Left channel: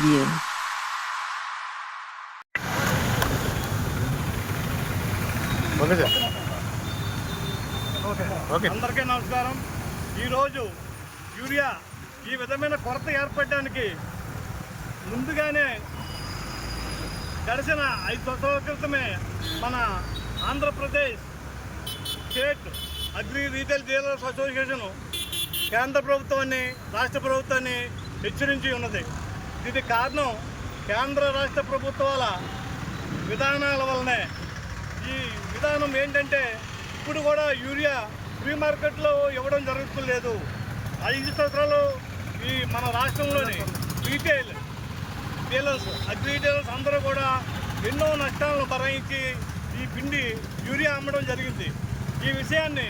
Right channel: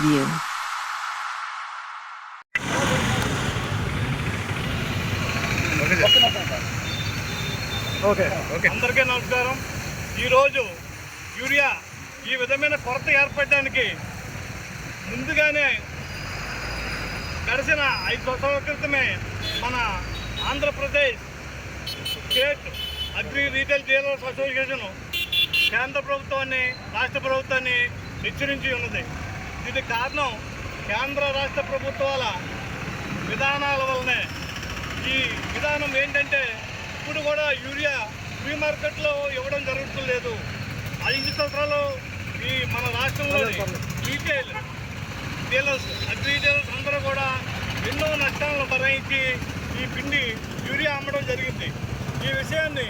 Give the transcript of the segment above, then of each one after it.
Preview. అందరికీ నమస్కారం. ఈరోజు యూరియా ఈ విధమైన కొరత ఏర్పడడానికి ముందుగానే గడిచిన ఐదు సంవత్సరాల క్రితమే మన Andhra Pradesh state agri retail dealers association కేంద్ర ప్రభుత్వాన్ని రాష్ట్ర ప్రభుత్వాన్ని హెచ్చరించి ఉన్నది. ఇది కారణం కేంద్ర రాష్ట్ర ప్రభుత్వాల విధానాల వల్లనే. ఈ విధానం ఏంటంటే ఇప్పుడు కూడా యూరియా ఫ్రీ మార్కెట్లో ఇవ్వడం జరుగుతులేదు ఐదు సంవత్సరాలు ఈ మన రాష్ట్రంలోని రీటైల్ డీలర్స్ అగ్రి డీలర్స్ అందరూ కూడా ఎన్నో నష్టాలను భరించి ఈ పిండి యూరియా అమ్మడం జరిగింది. ఈ విషయాన్ని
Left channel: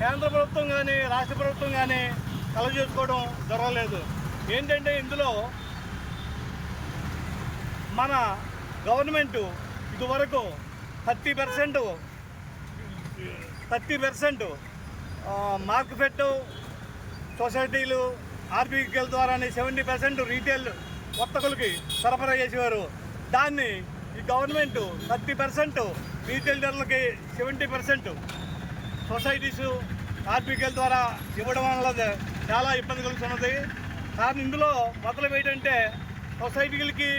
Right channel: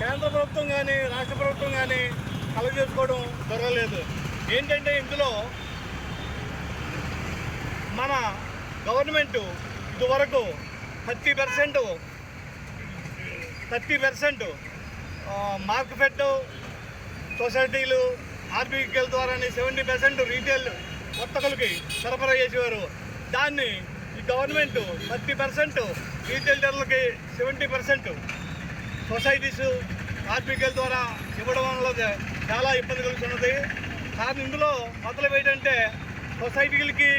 కేంద్ర ప్రభుత్వం కానీ రాష్ట్ర ప్రభుత్వం కానీ కలగజేసుకోవడం జరగలేదు. ఏంటంటే ఇందులో మన గవర్నమెంట్ ఇదివరకు thirty percent thirty percent market సొసైటీలు ఆర్బీకేల ద్వారానే సెవెంటీ పర్సెంట్ రీటైల్ వర్తకులకి సరఫరా చేసేవారు. దాన్ని ఈ గవర్నమెంట్ థర్టీ పర్సెంట్ రీటైల్ డీలర్లకి సెవెంటీ పర్సెంట్ సొసైటీస్ ఆర్బీకేల ద్వారా ఇవ్వడం వల్ల చాలా ఇబ్బంది కలుగుతున్నది. కానీ ఇందులో మొదలు ఏంటంటే సొసైటీలకి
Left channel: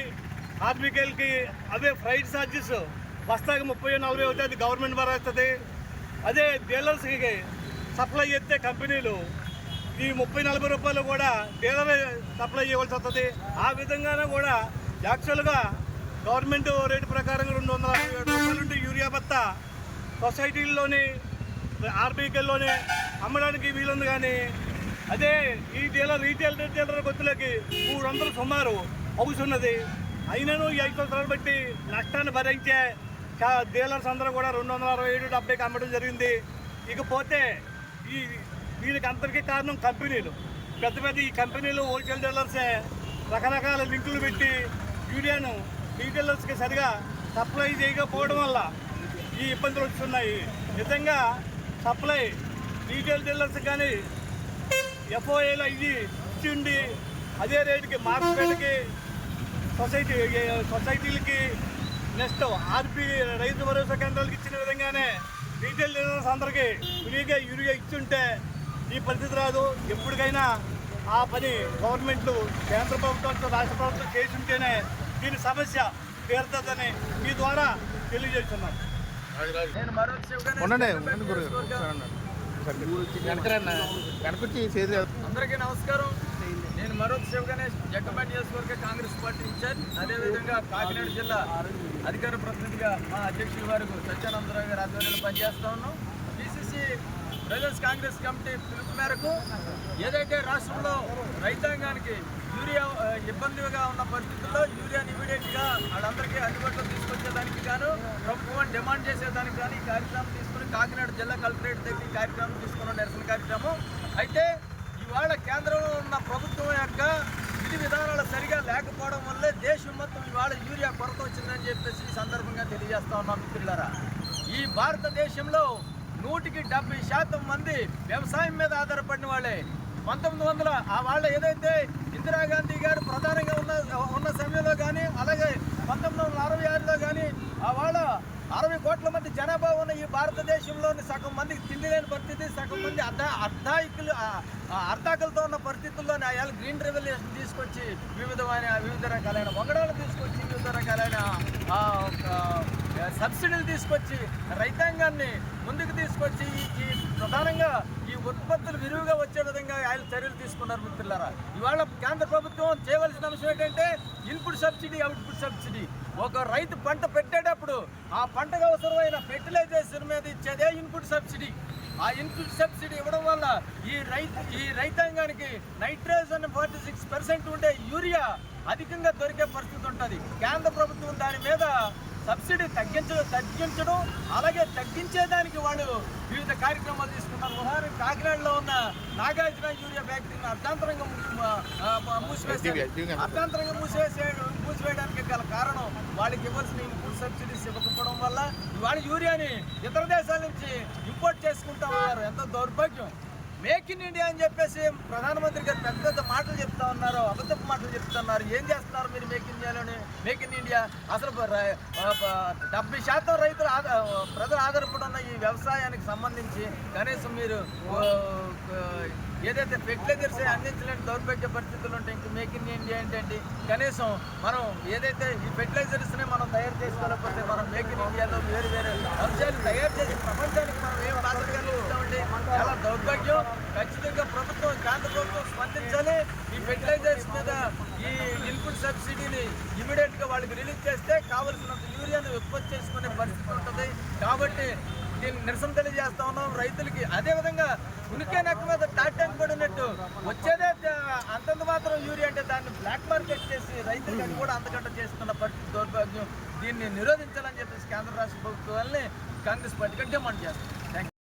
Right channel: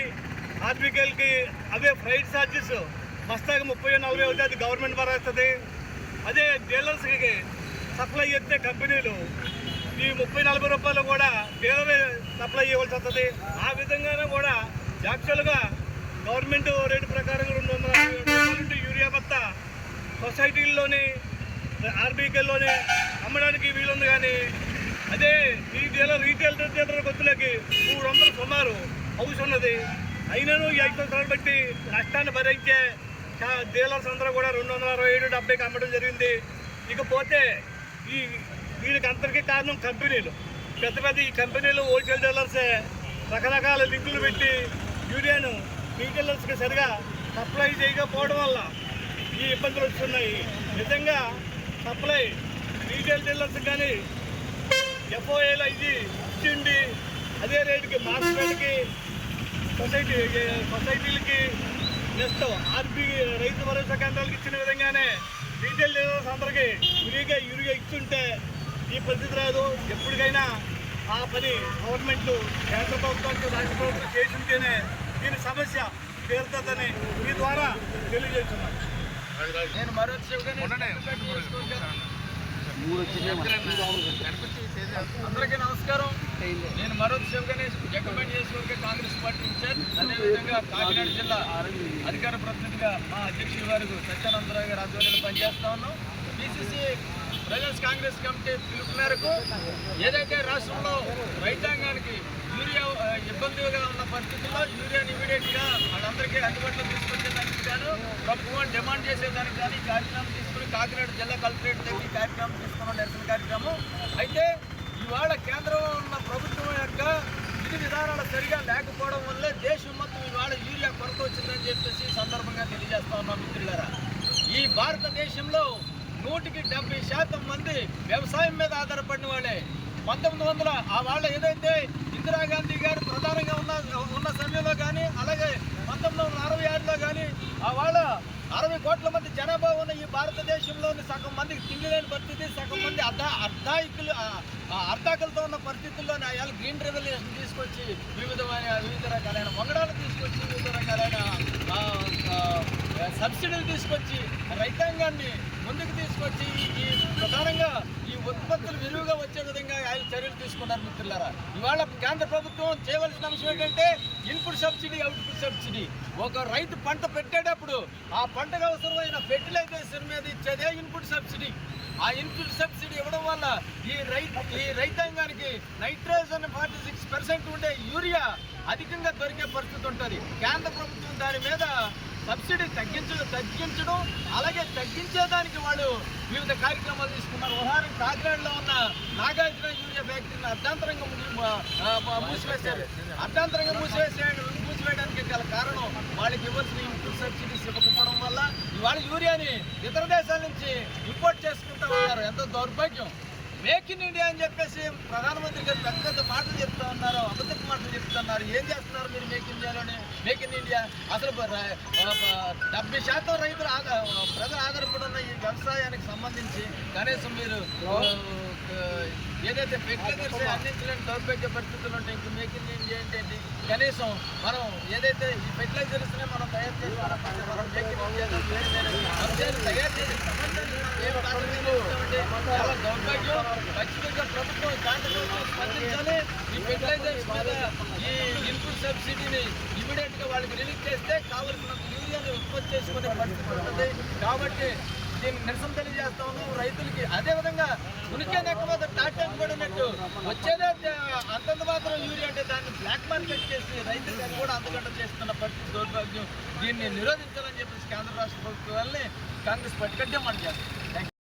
ఆర్బీకేలకి అవే ఫ్రైట్ ఛార్జెస్ బస్తాకి ముప్పై నలభై అవుతాయి అది గవర్నమెంట్ భరేస్తుంది అదే డీలర్స్కి సప్లై చేస్తే కంపెనీలు ఈ ముప్పై నలభై రూపాయలు కూడా డీలర్ సప్లై చేయవలసి వస్తుంది. ఆ విధంగానే కూడా యాక్చువల్గా గవర్నమెంట్ రేటు ప్రకారం రెండు వందల అరవై ఏడు రూపాయలు యూరియా బత్తా సొసైటీల్లోని ఆర్బీకేల్లోనే అమ్మడానికి వీలుంది కానీ అదే ఈ డీలర్ రీటైల్ డీలర్ గొత్తులకి మూడు వందలు సుమారు అవుతున్నది. అయినను ఈ ఐదు సంవత్సరాలు బట్టి నష్టాన్ని భరించే డీలర్స్ అందరూ కూడా రెండు వందల అరవై ఏడు డెబ్బైకి అమ్మడం జరిగింది. ఇకపోతే ఈ దీనికి అందరికీ కారణం కంపెనీలు. పెద్ద పెద్ద ఈ కంపెనీలు హోల్సేల్ డీలర్సే రకరకాల లింకులు పెట్టి యూరియాను రీటైలర్స్కి సరిగా సప్లై చేయకపోవడం వల్ల ఈ ఇబ్బందులు వస్తున్నాయి. నిజంగా సప్లై రీటైల్ డీలర్స్ కానీ ఎఫ్ఓఏలో ఇది ఇచ్చిండి అదే రేటుకి మార్కెట్కి society సొసైటీలకి next RB Rythu Bharosa కేంద్రాలకు ఇచ్చిన విధంగానే రీటైల్ డీలర్స్ అందరికీ ఫ్రీగా యూరియా ఇచ్చుంటే ఈ పరిస్థితి రాదు. ఎప్పటికైనా ఆ పని గవర్నమెంట్ కేంద్ర ప్రభుత్వం రాష్ట్ర ప్రభుత్వం చేస్తుంటేనే దీని సమస్య తీరుతుందని మీ ద్వారా తెలియజేస్తున్నాం. నేను మరో గణపతి అందరికీ నమస్కారం. నేను మరో శివగణేష్ జగ్గంపేట నియోజకవర్గ కాంగ్రెస్ పార్టీ ఇన్ఛార్జ్. అదేవిధంగా కాకినాడ జిల్లా అధికార ప్రతినిధిగా మా అధ్యక్షుడి వారికి సత్యానందరావు గారు ఆధ్వర్యంలో పనిచేస్తా ఉన్నాం. పిసిసి ప్రజెన్స్ కాంగ్రెస్ కమిటీ పిలుపు మేరకు ఏదైతే రాష్ట్రంలో రైతాంగానికి ఇబ్బందిగా ఉన్న పరిస్థితుల్లో యూరియాని ఇమీడియట్గా వాళ్ళందరికీ అందుబాటులో తీసుకొచ్చేదానికి గాను ప్రభుత్వం డిమాండ్ చేసేదానికి కానీ ఈ కార్యక్రమం తీసుకుని కాకినాడ జిల్లా కలెక్టరేట్ దగ్గర ఈ కార్యక్రమం తీసుకున్న నిరసన కార్యక్రమం. అయితే ఇవాళ కేంద్రం ఉన్న ప్రభుత్వం యొక్క విధి విధానాలు సరిగా లేకపోవడం వల్లే దేశం మొత్తం ఇవాళ యూరియా కొరత వచ్చిందని చెప్పేసి సందర్భంగా తెలియజేస్తా ఉన్నాం మిత్రులారా. ఈ భారతదేశంలో నూటికి డెబ్బై శాతం మంది వ్యవసాయం మీద ఆధారపడిన వాళ్ళే. పంతొమ్మిది వందల ఆ వాళ్ళ ఏదైతే ఇందిరాగాంధీ గారు ప్రధానంగా ఉన్న ఉన్న సమయంలో కానీ అలాగే పంతొమ్మిది వందల అరవై ఆరులో కానీ ఆ వాళ్ళ అరవై కోట్ల మంది జనాభా ఉన్న ఈ భారతదేశంలోని సగం మందికి తిండి లేని పరిస్థితి సగం మంది అర్ధ అర్ధాయికులు ఆ- అర్ధాకులతో ఉన్న పరిస్థితుల్లో ఆయాలు గ్రీన్ రెవల్యూషన్ తీసుకొచ్చి వివిధమైన వివిధ రకాలైన వంగడాలు తీసుకొచ్చి వివిధ రకాలైన సబ్సిడీలు తీసుకొచ్చి రైతాంగాన్ని ముందుకు తీసుకొచ్చి ఈ- ప్రధానంగా ఈ ఉత్పత్తులు విరివిగా వచ్చే విధంగా ఆయన చర్యలు తీసుకున్నారు మిత్రులారా. ఇవాళ కేంద్ర ప్రభుత్వం చేయవలసిన అంశం ఏంటంటే ఇన్పుట్ సబ్సిడీ అవుట్పుట్ సబ్సిడీ. ఒక రైతు పంట పెట్టేటప్పుడు ఆ పంటకు అవసరమైన ఫెర్టిలైజేషన్ మీద ఇచ్చేదే ఇన్పుట్ సబ్సిడీ. ఆ ఇన్పుట్ సబ్సిడీ ఇవ్వడం వల్ల ఈ రైతు ఈ రైతాంగానికి నైట్రోజన్ ఫార్టీ సిక్స్ పర్సెంట్ ఉండే యూరియా అధికంగా దొరికే పరిస్థితి ఉంటుంది. కేంద్ర ప్రభుత్వం దాని మీద సబ్సిడీ తగ్గించ తగ్గించడం అలాగే తగ్గించేదానికి వాళ్ళు వివిధ కార్యక్రమాలు తీసుకున్నారు. ఉదాహరణ కాకినాడలో ఉన్న నాగార్జున యూరియా ఫ్యాక్టరీని అర్ధాంతరంగా మూసివేశారు. అర్ధాంతరంగా మూసివేసే మూసివేయడానికి గల కారణం వాళ్ళకి ఇవ్వాల్సిన ఇన్పుట్ సబ్సిడీస్ ఇవ్వకపోవడం వల్ల ఇవాళ యూరియాని ఇతర దేశాల నుంచి ఇంపోర్ట్ చేసుకుంటా ఉన్నారు. ఎంతో దౌర్భాగ్యం. మేక్ ఇన్ ఇండియా అని చెప్పేసి ప్రధానమంత్రి గారు పెద్ద పెద్ద మాటలు చెప్తా ఉన్నారు అబద్ధపు మాటలు చెప్తున్నారు. ఏం చేస్తున్నారు మీరు మేక్ ఇండియాలోనే? Make in India. అసలు డెబ్బై శాతం రైతులు ప్రజలు ఆధారపడున్న ఈ వ్యవసాయానికి సంబంధించి కనీసం మీరు ఏదైతే ఫెర్టిలైజర్స్ అందించలేని దౌర్భాగ్య పరిస్థితులు ఉంటాయి ఇంక మేక్ ఇన్ ఇండియా ఏంటంటే కనీసం మనం ఏదైతే ఈ ఫెర్టిలైజర్స్ని మనం తయారు చేసుకోలేకపోతే మనం మేక్ ఇన్ ఇండియాలో వేరు వేరే అంశాలు తయారు చేసి ప్రపంచ మనం ఏం బాధ్యతగా ఇస్తామంటే చాలా దౌర్భాగ్యం ఖచ్చితంగా ప్రభుత్వం కేంద్ర ప్రభుత్వం స్పందించాలి ఈ ఫెర్టిలైజర్స్ మీద ఈ ఇన్పుట్ సబ్సిడీని ఇమీడియట్గా వాళ్ళకి రిలీజ్ చేస్తే కావలసినంత యూరియాను ఉత్పత్తి చేసుకునే పరిస్థితి ఉంటుంది. కాబట్టి దీన్ని నిరసన తెలియజేస్తా ఉన్నాం. రైతులకి అదే విధంగా ఉనికి నెక్క మీద టాటెంట్ పడినట్టు వచ్చేదే అంతంత మాత్రం యూరియా అంటే దాన్ని బ్లాక్ మార్కెట్ చేసి రైతులకి కూడా అంతకంట చేస్తున్న పరిస్థితి దౌర్భాగ్యం. దీన్ని నిరోధించాలని చెప్పేసి కేంద్ర రాష్ట్ర ప్రభుత్వాలని కాంగ్రెస్ పార్టీగా మనం చేస్తాం